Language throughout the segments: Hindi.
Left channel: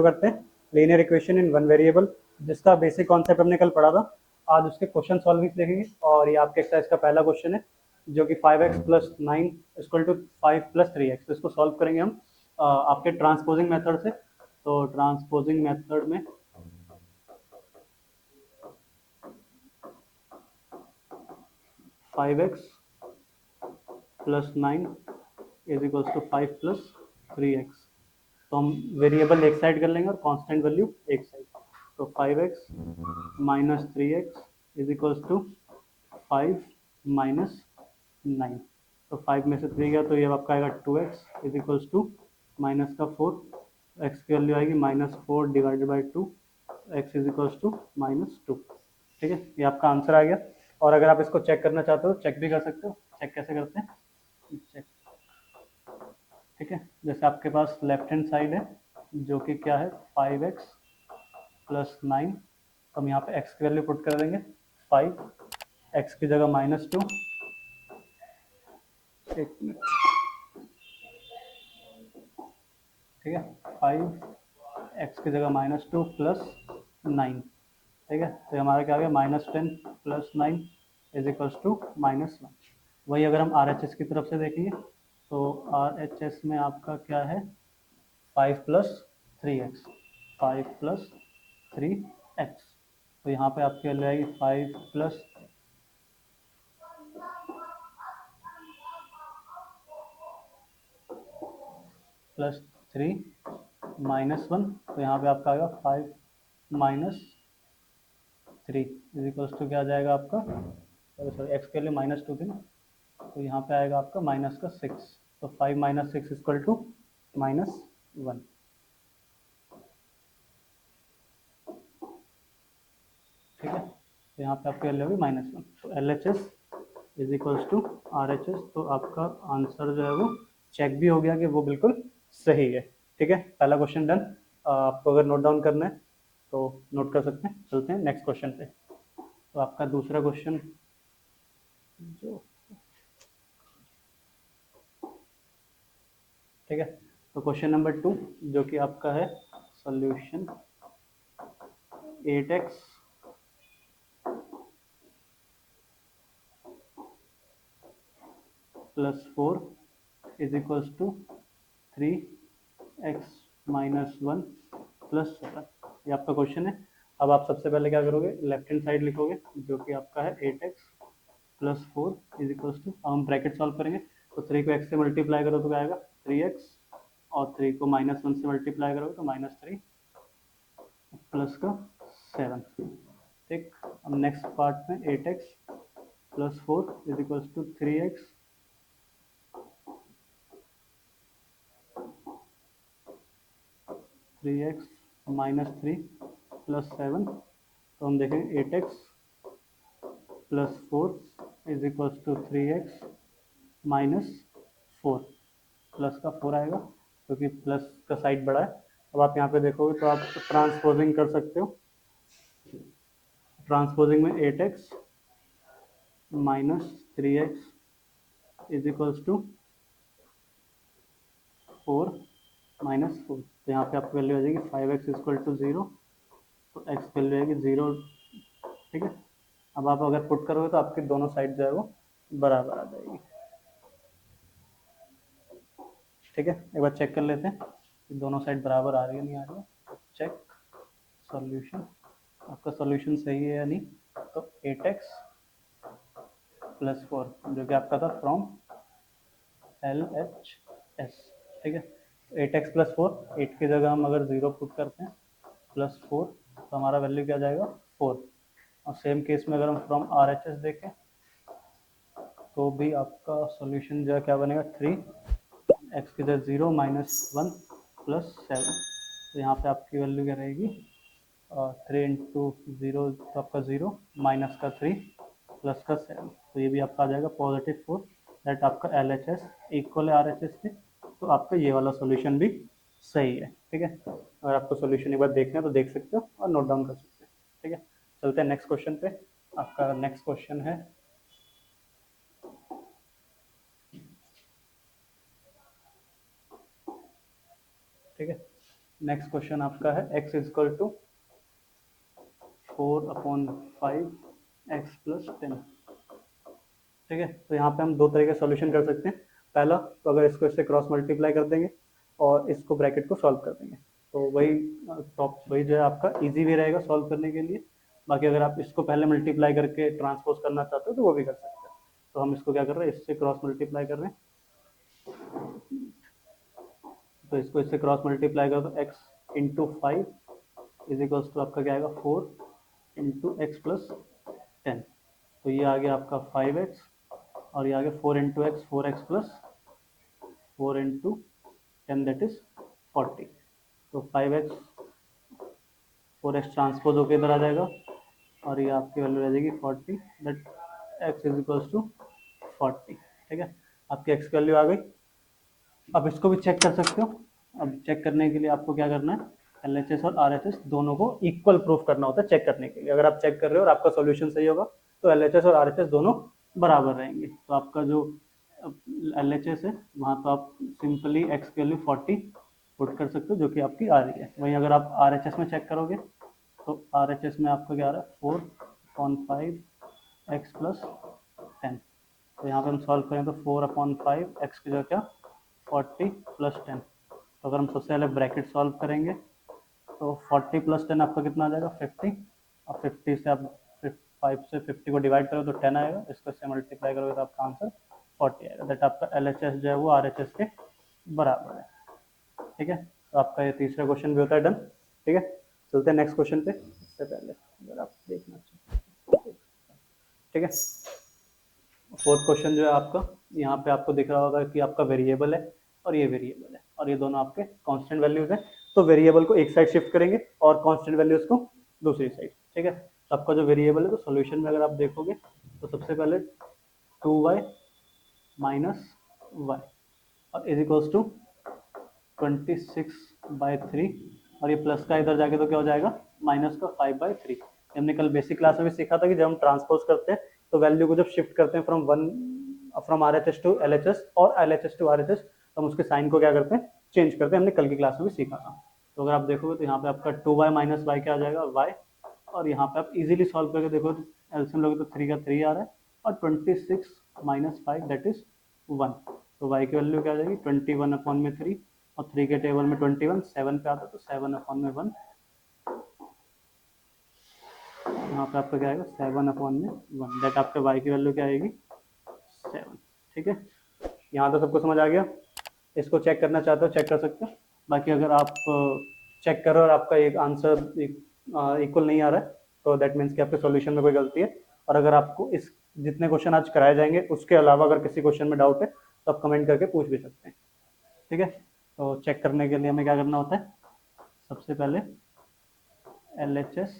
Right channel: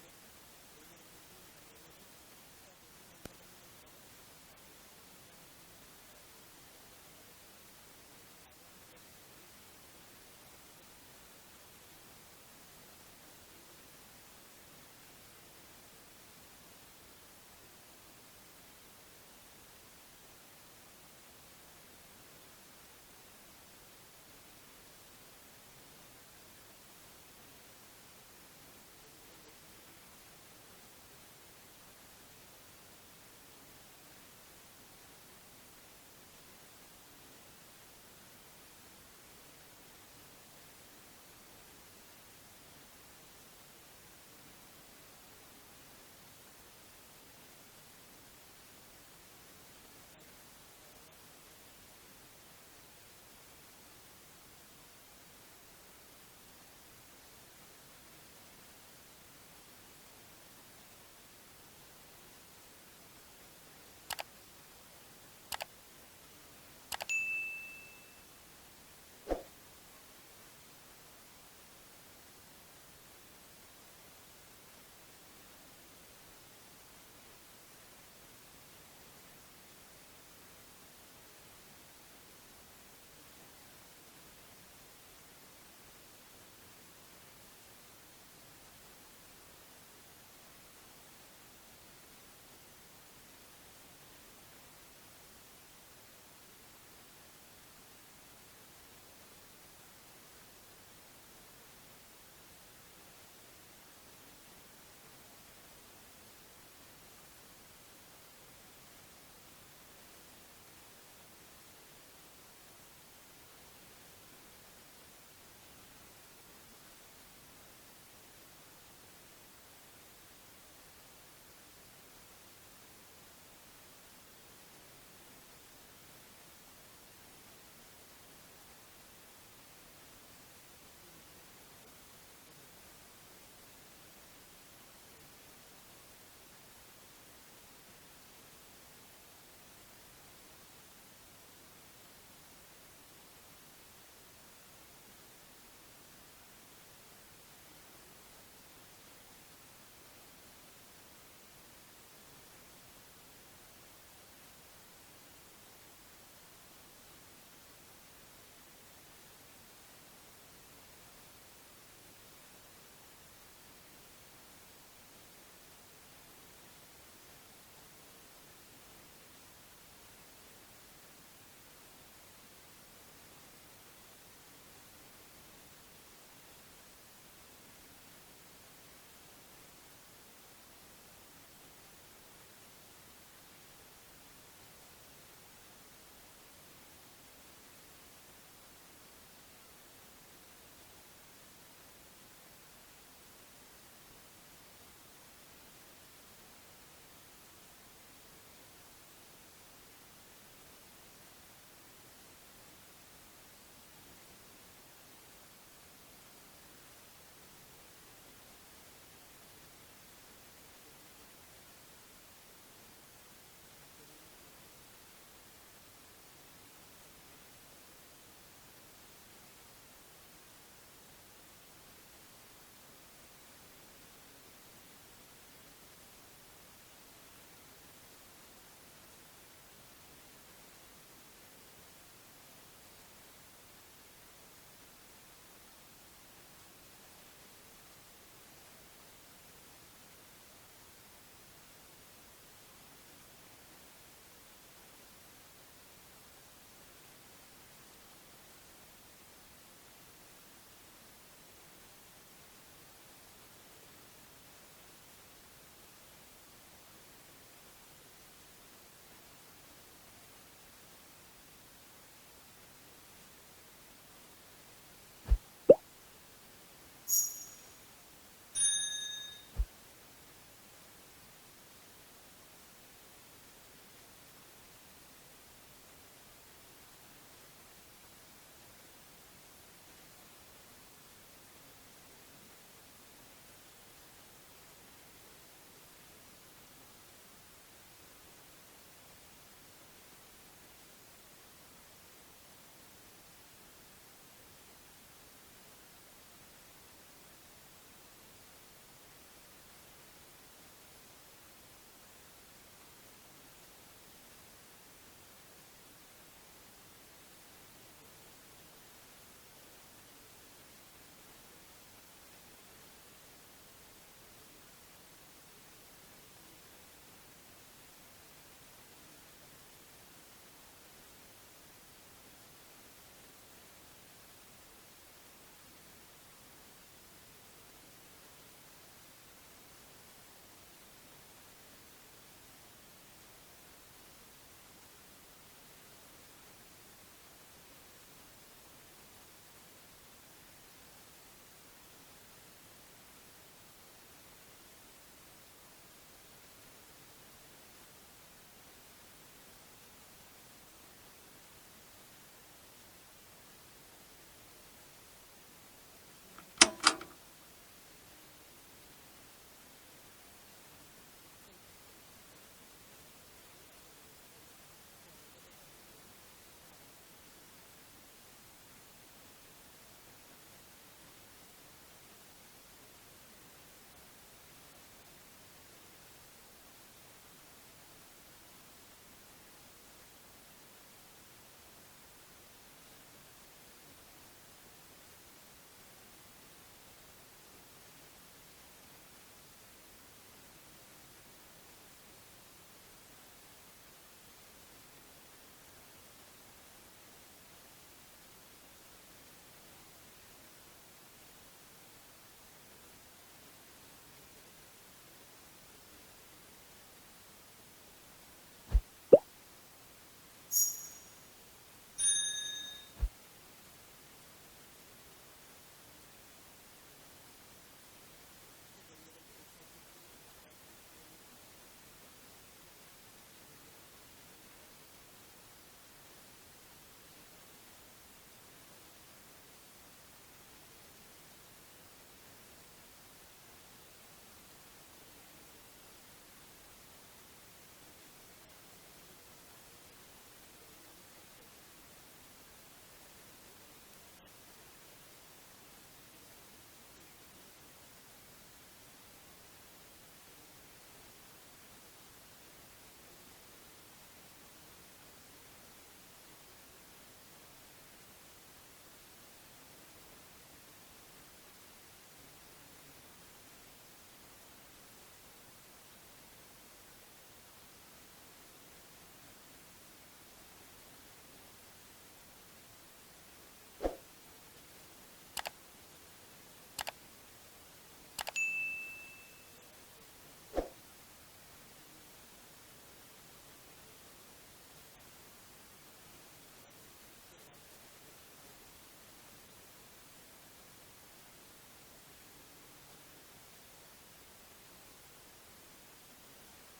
शुरू करते हैं। Linear equation in one variable, जिसका बेसिक कॉन्सेप्ट हमने कल पढ़ा था। आज उसके क्वेश्चन सॉल्विंग देखेंगे और ये आपके एक्सरसाइज का पहला क्वेश्चन है, जो कि 5x plus 9 equal to 5 plus 3x। इसको सॉल्व करेंगे हम आपके ट्रांसपोजिंग मेथड से। तो ट्रांसपोजिंग मेथड में 5x plus 9 is equals to 5 plus 3x। तो हम वेरिएबल एक साइड कर लेंगे और कांस्टेंट वैल्यू एक साइड। तो 5x minus 3x is equals to 5 minus 9। तो 5 में से 3 गया तो ये आपका आएगा 2x is equals to minus का 4। x की वैल्यू आएगी -4 divided by 2, x is equals to -2। ठीक है, ये आपका आंसर आ गया। और अगर आप इसको चेक करना चाहते हो चेक भी कर सकते हो। चेक कैसे करते हैं, चेक, ठीक है। जैसे आपके पास लेफ्ट हैंड साइड है जो कि क्या है 5x प्लस 9। हम यहाँ पे x की वैल्यू पुट कर देंगे 5, x की जगह -2, ठीक है, 5 x की जगह -2 प्लस 9। ठीक है, तो हमारा क्या आ गया -10 प्लस 9 इज इक्वल्स टू -9। वही अगर हम RHS की तरफ से देखेंगे तो RHS में आपका क्या है 5 प्लस 3x, 5 प्लस 3x। तो यहाँ पे आपकी वैल्यू आएगी 5 प्लस प्लस 3 -1। तो यहाँ पे आपका आएगा 5 माइनस 3 इज इक्वल्स टू क्या आ जाएगा आपका, सॉरी एक्स के लिए -2 थी ना, तो यहाँ पे आएगा आपका -6। तो 5 माइनस 6 इक्वल टू -1। ठीक है, तो यहाँ पे आपकी वैल्यू होगी -1। तो LHS is equals to RHS। तो आपका आंसर जो है वो चेक भी हो गया कि वो बिल्कुल सही है। ठीक है, पहला क्वेश्चन डन। आपको अगर नोट डाउन करना है तो नोट कर सकते हैं। चलते हैं नेक्स्ट क्वेश्चन पे। तो आपका दूसरा क्वेश्चन, ठीक है, तो क्वेश्चन नंबर 2 जो कि आपका है solution 8x plus 4 is equals to 3x minus 1 plus 7। ये आपका क्वेश्चन है। अब आप सबसे पहले क्या करोगे, लेफ्ट हैंड साइड लिखोगे जो कि आपका है 8x plus 4 is equals to, हम ब्रैकेट सॉल्व करेंगे तो 3 को x से मल्टीप्लाई करो तो क्या आएगा 3x, और 3 को -1 से मल्टीप्लाई करोगे तो -3 प्लस का 7। ठीक, अब नेक्स्ट पार्ट में 8x plus 4 is equals to 3x minus 3 plus 7। तो हम देखें 8x plus 4 is equals to 3x minus 4, plus का 4 आएगा क्योंकि प्लस का साइड बड़ा है। अब आप यहाँ पे देखोगे तो आप ट्रांसपोजिंग कर सकते हो। ट्रांसपोजिंग में 8x minus 3x is equals to 4 minus 4। तो यहाँ पे आपकी वैल्यू आ जाएगी 5x इक्वल टू 0। तो x की वैल्यू आएगी 0। ठीक है, अब आप अगर पुट करोगे तो आपकी दोनों साइड जो है वो बराबर आ जाएगी। ठीक है, एक बार चेक कर लेते हैं कि दोनों साइड बराबर आ रही है नहीं आ रही है। चेक सॉल्यूशन, आपका सॉल्यूशन सही है या नहीं। तो 8x प्लस 4 जो कि आपका था फ्रॉम LHS। ठीक है, 8x प्लस 4, 8 की जगह हम अगर 0 पुट करते हैं प्लस 4 तो हमारा वैल्यू क्या जाएगा 4। और सेम केस में अगर हम फ्रॉम RHS देखें तो भी आपका सॉल्यूशन जो है क्या बनेगा 3, एक्स की जगह 0 -1 प्लस 7। तो यहाँ पे आपकी वैल्यू क्या रहेगी 3 इंटू 0 तो आपका 0 माइनस का 3 प्लस का 7। तो ये भी आपका आ जाएगा +4। दैट आपका LHS इक्वल है RHS के। तो आपका ये वाला सॉल्यूशन भी सही है। ठीक है, अगर आपको सॉल्यूशन एक बार देखना है तो देख सकते हो और नोट डाउन कर सकते हो। ठीक है, चलते हैं नेक्स्ट क्वेश्चन पे। आपका नेक्स्ट क्वेश्चन है ठीक है, नेक्स्ट क्वेश्चन आपका है x is equal to 4/5 x plus 10। ठीक है, तो यहाँ पे हम दो तरह के सॉल्यूशन कर सकते हैं। पहला, तो अगर इसको इससे क्रॉस मल्टीप्लाई कर देंगे और इसको ब्रैकेट को सॉल्व कर देंगे, तो वही टॉप वही जो है आपका इजी वे रहेगा सॉल्व करने के लिए। बाकी अगर आप इसको पहले मल्टीप्लाई करके ट्रांसपोज करना चाहते हो तो वो भी कर सकते हैं। तो हम इसको क्या कर रहे हैं, इससे क्रॉस मल्टीप्लाई कर रहे हैं। तो इसको इससे क्रॉस मल्टीप्लाई कर दो, x into 5 is equals to आपका क्या आएगा 4 इंटू एक्स प्लस 10। तो ये आ गया आपका 5x और ये आ गया 4 into x 4x plus 4 into 10 that is 40। तो 5x 4x ट्रांसपोज होकर इधर आ जाएगा और ये आपकी वैल्यू रह जाएगी 40 that x is equals to 40। ठीक है, आपकी x की वैल्यू आ गई। अब इसको भी चेक कर सकते हो। अब चेक करने के लिए आपको क्या करना है, LHS और RHS दोनों को इक्वल प्रूफ करना होता है चेक करने के लिए। अगर आप चेक कर रहे हो और आपका सॉल्यूशन सही होगा तो LHS और RHS दोनों बराबर रहेंगे। तो आपका जो LHS है वहाँ तो आप सिंपली x की वैल्यू 40 पुट कर सकते हो जो कि आपकी आ रही है। वहीं अगर आप RHS में चेक करोगे तो RHS में आपका क्या आ रहा है 4/5 x प्लस 10। तो यहाँ पे हम सॉल्व करें तो 4/5 x की जगह क्या 40 प्लस 10। तो अगर हम सबसे पहले ब्रैकेट सॉल्व करेंगे तो 40 प्लस 10 आपका कितना आ जाएगा 50। और 50 से आप 5 से 50 को डिवाइड करो तो 10 आएगा, इसको इससे मल्टीप्लाई करोगे तो आपका आंसर 40 आएगा। दैट आपका LHS जो है वो RHS के बराबर है। ठीक है, तो आपका ये तीसरा क्वेश्चन भी होता है डन। ठीक है, चलते हैं नेक्स्ट क्वेश्चन पे। सबसे पहले अगर आप देखना चाहिए, ठीक है, फोर्थ क्वेश्चन जो है आपका, यहाँ पे आपको दिख रहा होगा कि आपका वेरिएबल है और ये वेरिएबल है और ये दोनों आपके कांस्टेंट वैल्यूज हैं। तो वेरिएबल को एक साइड शिफ्ट करेंगे और कांस्टेंट वैल्यूज को दूसरी साइड। ठीक है, तो आपका जो वेरिएबल है तो सोल्यूशन में अगर आप देखोगे तो सबसे पहले 2y माइनस वाई और इज इक्वल्स टू 26/3 और ये प्लस का इधर जाके तो क्या हो जाएगा माइनस का 5/3। हमने कल बेसिक क्लास में भी सीखा था कि जब हम ट्रांसपोज करते हैं तो वैल्यू को जब शिफ्ट करते हैं फ्रॉम RHS टू LHS और LHS टू RHS तो हम उसके साइन को क्या करते हैं चेंज करते हैं। हमने कल की क्लास में भी सीखा था। तो अगर आप देखोगे तो यहाँ पे आपका 2y माइनस वाई क्या आ जाएगा y, और यहाँ पे आप इजीली सॉल्व करके देखो तो एल्सियम लोगे तो 3 का 3 आ रहा है और 26 माइनस 5 दैट इज 1। तो y की वैल्यू क्या आ जाएगी 21/3 और 3 के टेबल में 21 7 पे आता है तो 7/1। यहाँ पे आपका क्या आएगा 7/1 दैट आपके y की वैल्यू क्या आएगी 7। ठीक है, यहाँ तो सबको समझ आ गया। इसको चेक करना चाहते हो चेक कर सकते हो। बाकी अगर आप चेक करो और आपका एक आंसर इक्वल नहीं आ रहा है तो दैट मीन्स कि आपके सॉल्यूशन में कोई गलती है। और अगर आपको इस जितने क्वेश्चन आज कराए जाएंगे उसके अलावा अगर किसी क्वेश्चन में डाउट है तो आप कमेंट करके पूछ भी सकते हैं। ठीक है, तो चेक करने के लिए हमें क्या करना होता है, सबसे पहले LHS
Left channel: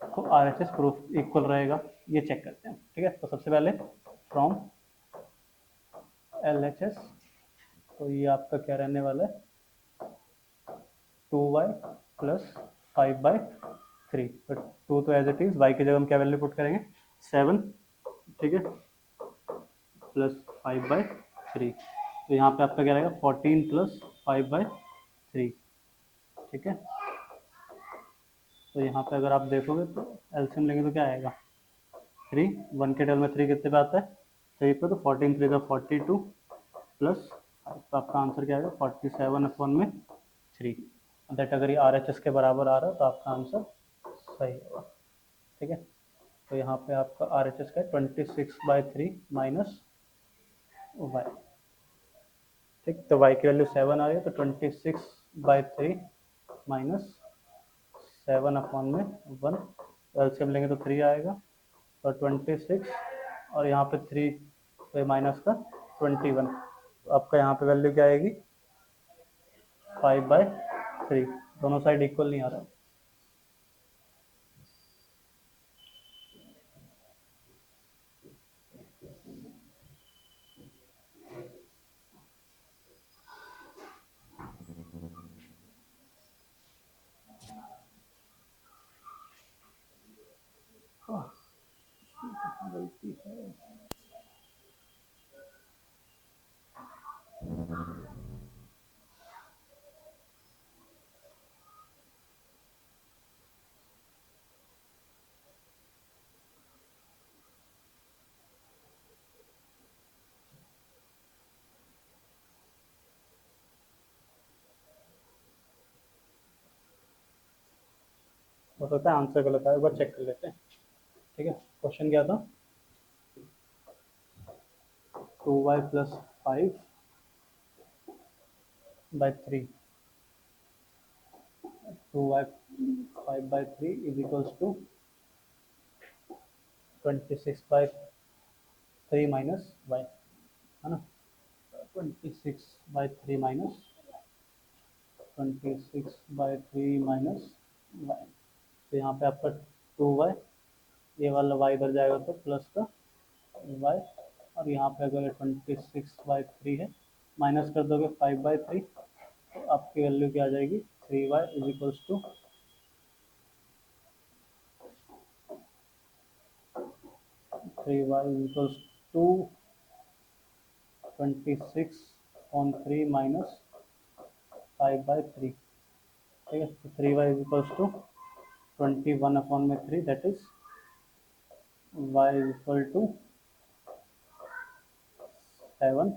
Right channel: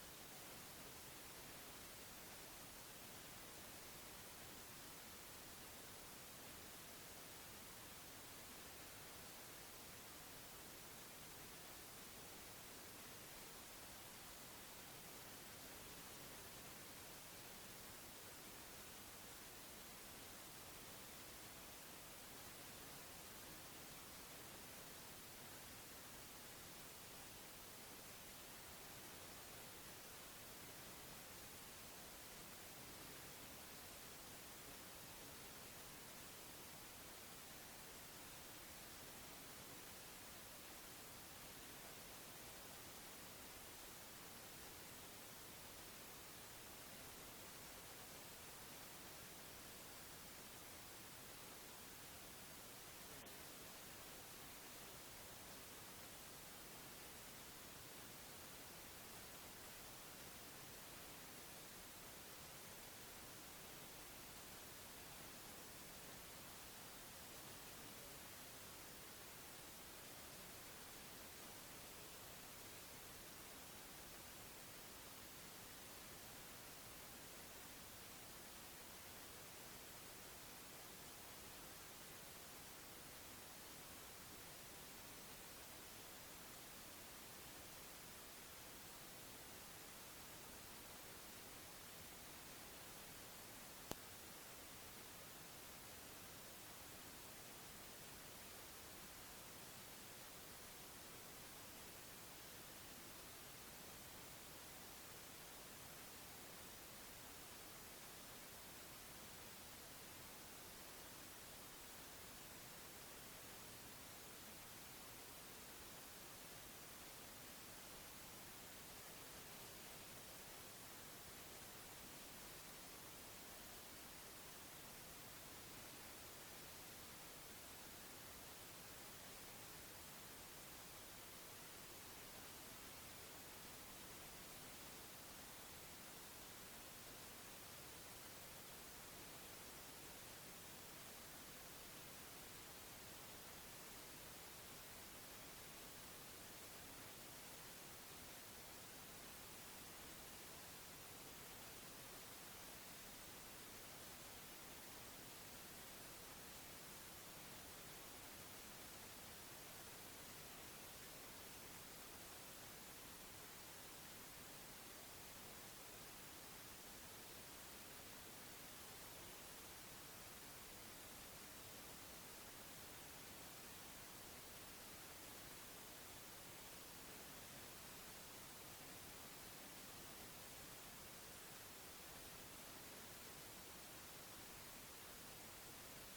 को RHS प्रूफ इक्वल रहेगा ये चेक करते हैं। ठीक है, तो सबसे पहले फ्रॉम LHS तो ये आपका क्या रहने वाला है 2y प्लस 5/3। तो 2 तो एज इट इज, y की जगह हम क्या वैल्यू पुट करेंगे 7। ठीक है, प्लस 5/3। तो यहाँ पे आपका क्या रहेगा 14 प्लस 5/3। ठीक है, तो यहाँ पे अगर आप देखोगे तो एलसीएम लेंगे तो क्या आएगा 3, 1 के टेबल में 3 कितने पे आता है 3 पे, तो 14 3 का 42 प्लस, तो आपका आंसर क्या आएगा 47/3। दैट अगर ये RHS के बराबर आ रहा है तो आपका आंसर सही होगा। ठीक है, तो यहाँ पे आपका RHS का 26/3 माइनस वाई। ठीक, तो y की वैल्यू 7 आ रही है तो 26/3 माइनस 7/1। एलसीएम लेंगे तो 3 आएगा तो 26 और यहाँ पे 3 तो माइनस का 21। तो आपका यहाँ पे वैल्यू क्या आएगी 5/3। दोनों साइड इक्वल नहीं आ रहा है। गलती है। हो सकता है आंसर गलत आए, एक बार चेक कर लेते हैं। ठीक है, क्वेश्चन क्या था, 2y + 5/3, 2y 5/3 is equals to 26/3 minus y, है ना, 26/3 माइनस 26/3 माइनस y। तो यहाँ पे आपका 2y, ये वाला y इधर जाएगा तो प्लस का y, और यहाँ पे अगर 26/3 है, माइनस कर दोगे 5/3, तो आपकी वैल्यू क्या आ जाएगी, 3y is equals to 3y is equals to 26/3 minus 5/3। ठीक है, तो 3y is equals to 21/3, that is y is equal to 7,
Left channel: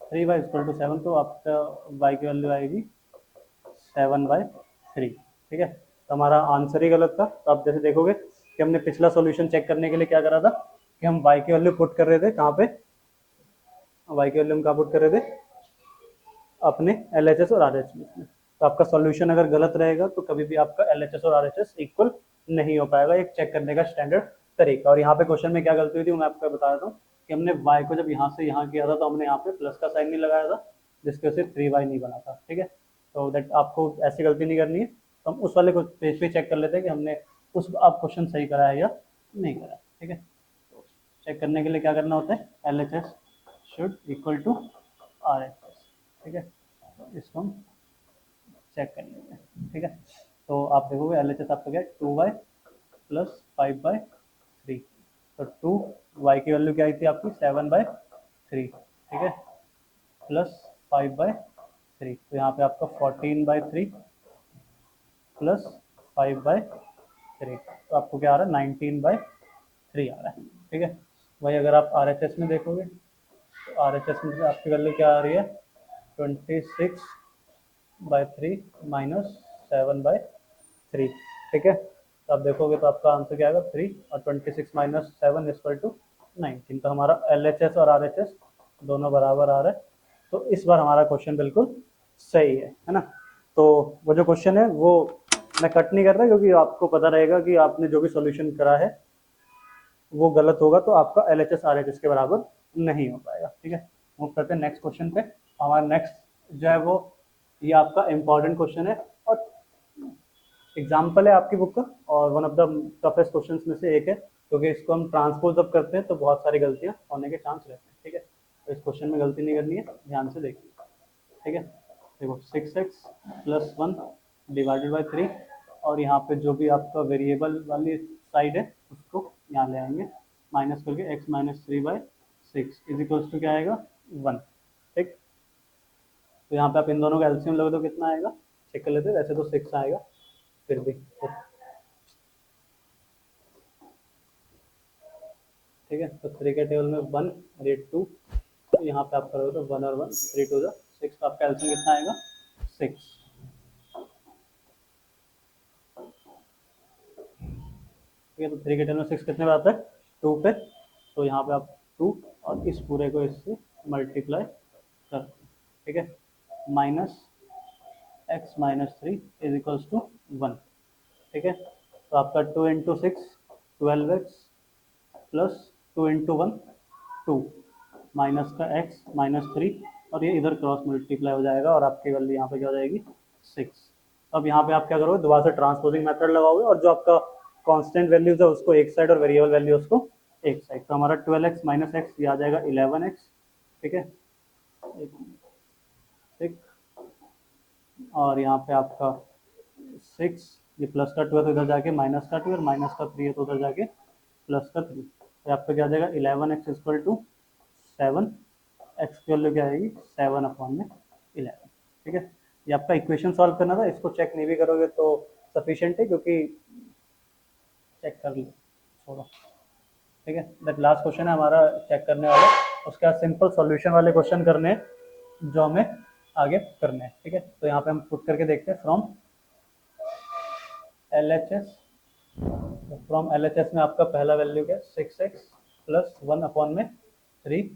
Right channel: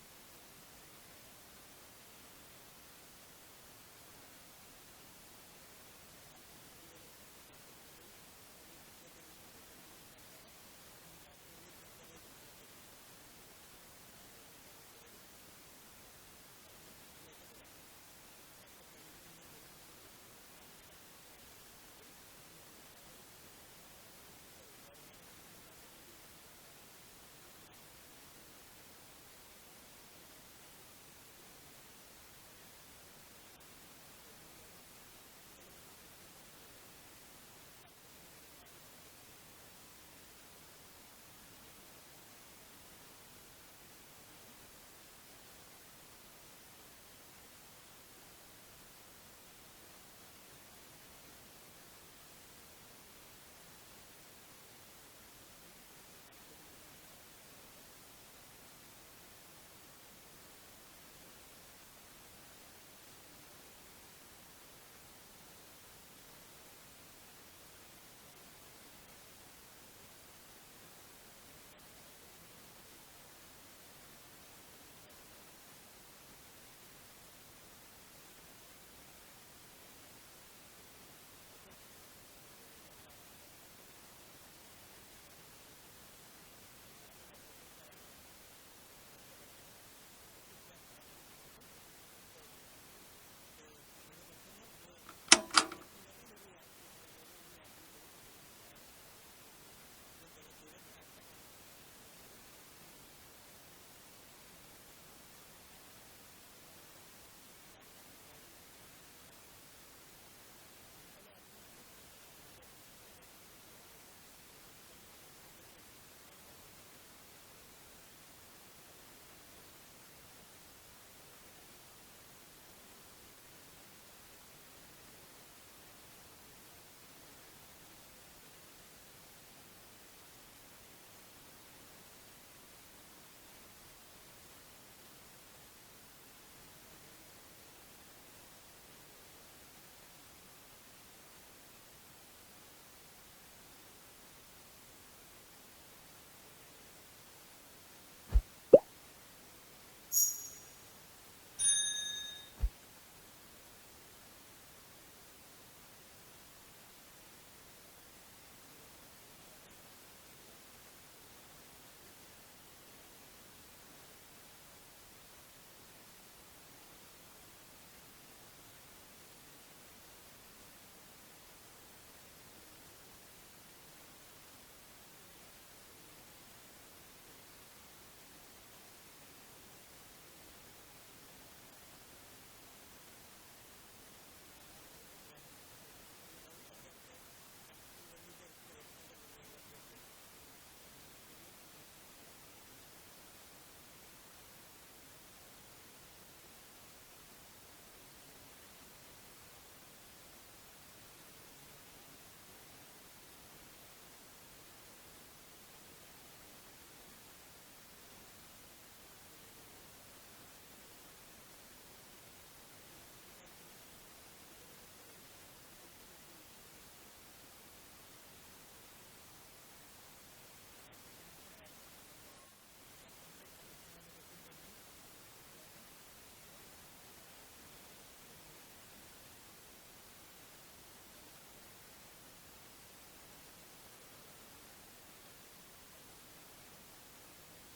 3y is equal to 7, तो आपका y की वैल्यू आएगी 7/3। ठीक है, तो हमारा आंसर ही गलत था। तो आप जैसे देखोगे कि हमने पिछला सॉल्यूशन चेक करने के लिए क्या करा था कि हम y की वैल्यू पुट कर रहे थे कहाँ पे, y की वैल्यू हम कहाँ पुट कर रहे थे, अपने LHS और RHS में। तो आपका सॉल्यूशन अगर गलत रहेगा तो कभी भी आपका LHS और RHS इक्वल नहीं हो पाएगा, एक चेक करने का स्टैंडर्ड तरीका। और यहाँ पे क्वेश्चन में क्या गलती हुई थी मैं आपको बता देता हूँ कि हमने y को जब यहाँ से यहाँ किया था तो हमने यहाँ पे प्लस का साइन नहीं लगाया था, जिसकी वजह से 3y नहीं बना था। ठीक है, तो दैट आपको ऐसी गलती नहीं करनी है। तो हम उस वाले पेज पे चेक कर लेते हैं कि हमने उस आप क्वेश्चन सही करा है या नहीं करा। ठीक है, चेक करने के लिए क्या करना होता है, LHS should equal to RHS। ठीक है, तो इसको हम चेक कर लेते हैं। ठीक है, तो आप देखोगे LHS आपका क्या है, 2y + 5/3, तो 2y की वैल्यू क्या आई थी आपकी 7/3। ठीक है, प्लस 5/3, तो यहाँ पे आपका 14/3 प्लस 5/3, तो आपको क्या आ रहा है 19/3 आ रहा है। ठीक है, वही अगर आप RHS में देखोगे तो RHS में आपकी वैल्यू क्या आ रही है, 26/3 माइनस 7/3। ठीक है, तो आप देखोगे तो आपका आंसर क्या आएगा 3, और 26 माइनस 7 इक्वल टू 19। तो हमारा LHS और RHS दोनों बराबर आ रहा है। तो इस बार हमारा क्वेश्चन बिल्कुल सही है ना। तो वो जो क्वेश्चन है वो मैं कट नहीं कर रहा क्योंकि आपको पता रहेगा कि आपने जो भी सॉल्यूशन करा है वो गलत होगा तो आपका LHS RHS के बराबर नहीं हो पाएगा। ठीक है, मूव करते हैं नेक्स्ट क्वेश्चन पे। हमारा नेक्स्ट जो है वो ये आपका इम्पॉर्टेंट क्वेश्चन है और एग्जाम्पल है आपकी बुक का, और one of the toughest question में से एक है, क्योंकि इसको हम ट्रांसपोज जब करते हैं तो बहुत सारी गलतियाँ होने के चांस रहते हैं। ठीक है, तो इस क्वेश्चन में गलती नहीं करनी है, ध्यान से देखिए। ठीक है, देखो 6x + 1 डिवाइडेड बाई 3, और यहाँ पे जो भी आपका वेरिएबल वाली साइड है उसको यहाँ ले आएंगे, माइनस करके x - 3/6 इज इक्वल्स टू क्या आएगा 1। ठीक, तो यहाँ पे आप इन दोनों का एलसीएम लोगे तो कितना आएगा, चेक कर लेते हैं। वैसे तो 6 आएगा फिर भी। ठीक है, तो 3 के टेबल में 1 और ये 2, तो यहाँ पे आप करोगे तो 1 और 1 3 2 6, तो आपका एलसीएम कितना आएगा 6। ठीक है, तो 3 के टेबल में 6 कितने पे आता है 2 पे, तो यहाँ पे आप 2 और इस पूरे को इससे मल्टीप्लाई कर, ठीक है, minus x - 3 is equals to 1। ठीक है, तो आपका 2 × 6 12x प्लस 2 × 1 2 माइनस का x -3, और ये इधर क्रॉस मल्टीप्लाई हो जाएगा और आपकी वैल्यू यहाँ पे क्या हो जाएगी 6। अब यहाँ पे आप क्या करोगे, दोबारा से ट्रांसपोजिंग मेथड लगाओगे और जो आपका कांस्टेंट वैल्यूज है उसको एक साइड और वेरिएबल वैल्यू उसको एक साइड। तो हमारा 12x - x ये आ जाएगा 11x। ठीक है, ठीक, और यहाँ पे आपका 6, ये प्लस का 2 है तो इधर जाके माइनस का 2, और माइनस का 3 है तो उधर जाके प्लस का 3, तो आपका क्या आ जाएगा 11x इक्वल टू 7, एक्स की वैल्यू क्या आएगी 7/11। ठीक है, ये आपका इक्वेशन सॉल्व करना था, इसको चेक नहीं भी करोगे तो सफिशिएंट है, क्योंकि चेक कर लो थोड़ा। ठीक है, दैट लास्ट क्वेश्चन है हमारा चेक करने वाला, उसके बाद सिंपल सॉल्यूशन वाले क्वेश्चन करने हैं जो हमें आगे करने हैं। ठीक है, तो यहाँ पे हम पुट करके देखते हैं फ्रॉम LHS फ्रॉम LHS में आपका पहला वैल्यू क्या है, 6x प्लस 1 अपॉन में 3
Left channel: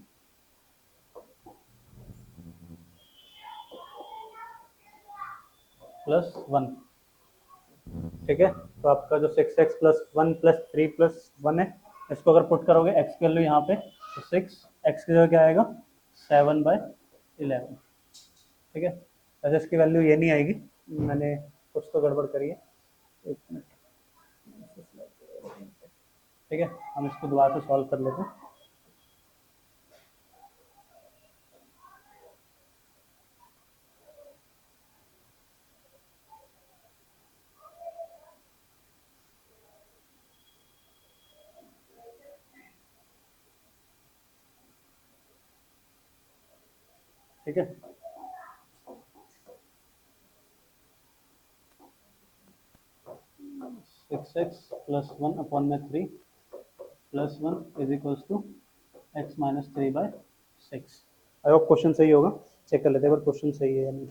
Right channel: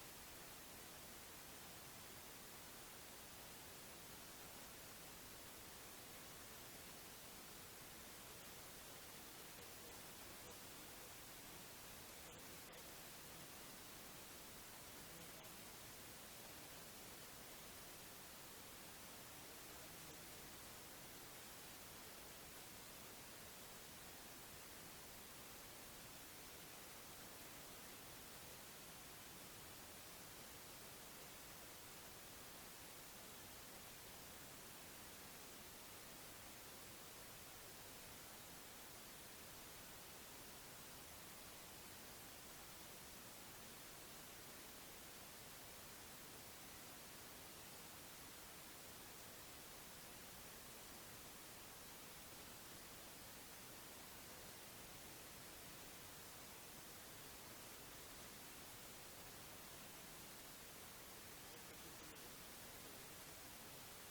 प्लस 1। ठीक है, तो आपका जो 6x प्लस 1 प्लस 3 प्लस 1 है, इसको अगर पुट करोगे x की वैल्यू यहाँ पे, तो 6x की जगह क्या आएगा, 7/11। ठीक है, वैसे इसकी वैल्यू ये नहीं आएगी, मैंने कुछ तो गड़बड़ करी है। एक मिनट। ठीक है, हम इसको दोबारा से सॉल्व कर लेते हैं। ठीक है, 6x प्लस 1 अपॉन में 3 plus 1 is equals to x minus 3/6। I hope question सही होगा, चेक कर लेते हैं अगर क्वेश्चन सही है या नहीं।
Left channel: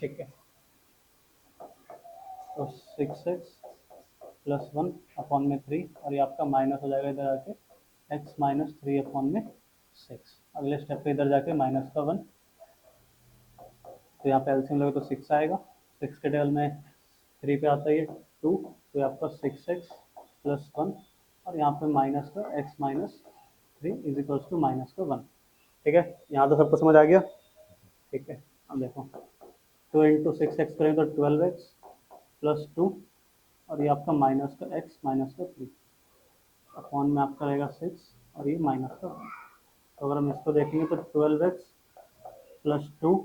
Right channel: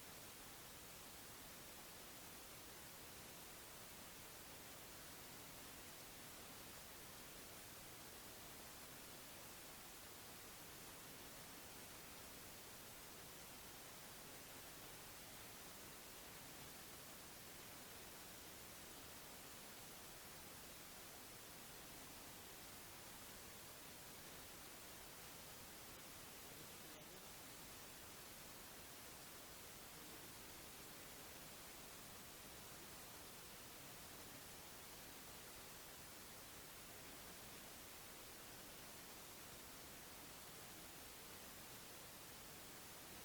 ठीक है, तो 6x प्लस 1 अपॉन में 3, और ये आपका माइनस हो जाएगा इधर आके x माइनस 3 अपॉन में 6। अगले स्टेप पे इधर जाके माइनस का 1, तो यहाँ पे एल्सियम लगे तो 6 आएगा, 6 के टेबल में 3 पे आता है 2, तो ये आपका 6x प्लस 1, और यहाँ पे माइनस का x minus 3 is equals to minus का 1। ठीक है, यहाँ तो सबको समझ आ गया। ठीक है, अब देखो 2 इंटू 6x करेंगे तो 12x प्लस 2, और ये आपका माइनस का x माइनस का 3 अपॉन में आपका रहेगा 6, और ये माइनस का 1। तो अगर हम इसको देखेंगे तो 12x plus 2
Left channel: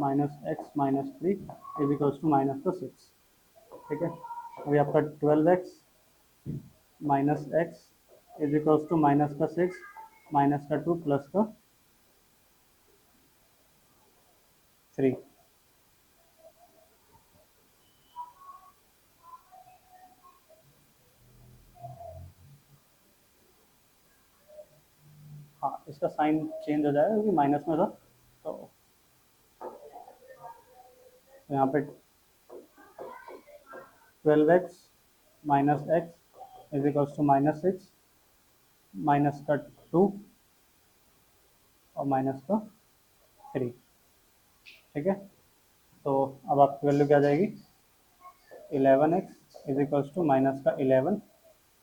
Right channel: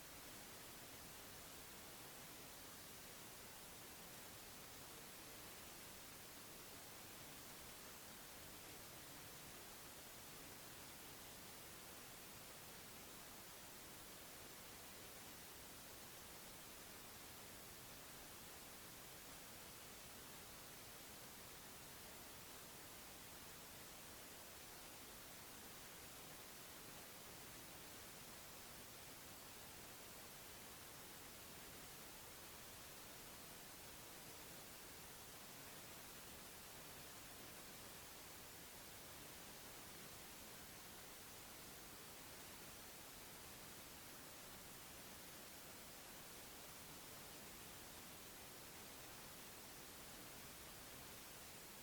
minus x minus 3 is equals to minus का 6। ठीक है, अभी आपका 12x minus x is equals to minus का 6 माइनस का 2 प्लस का 3। हाँ, इसका साइन चेंज हो जाएगा क्योंकि माइनस में था, तो यहाँ पे 12x minus x is equals to minus 6 minus का 2 और माइनस का 3। ठीक है, तो अब आपकी वैल्यू क्या आ जाएगी, 11x is equals to minus का 11।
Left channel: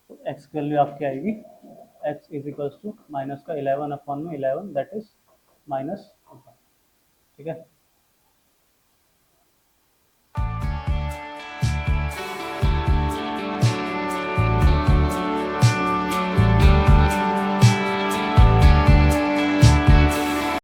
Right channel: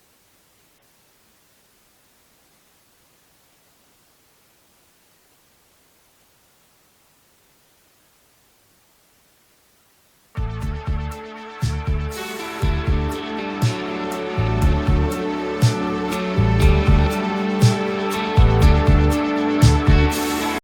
तो x की वैल्यू आपकी आएगी x is equals to minus का 11 अपॉन में 11, दैट इज माइनस। ठीक है,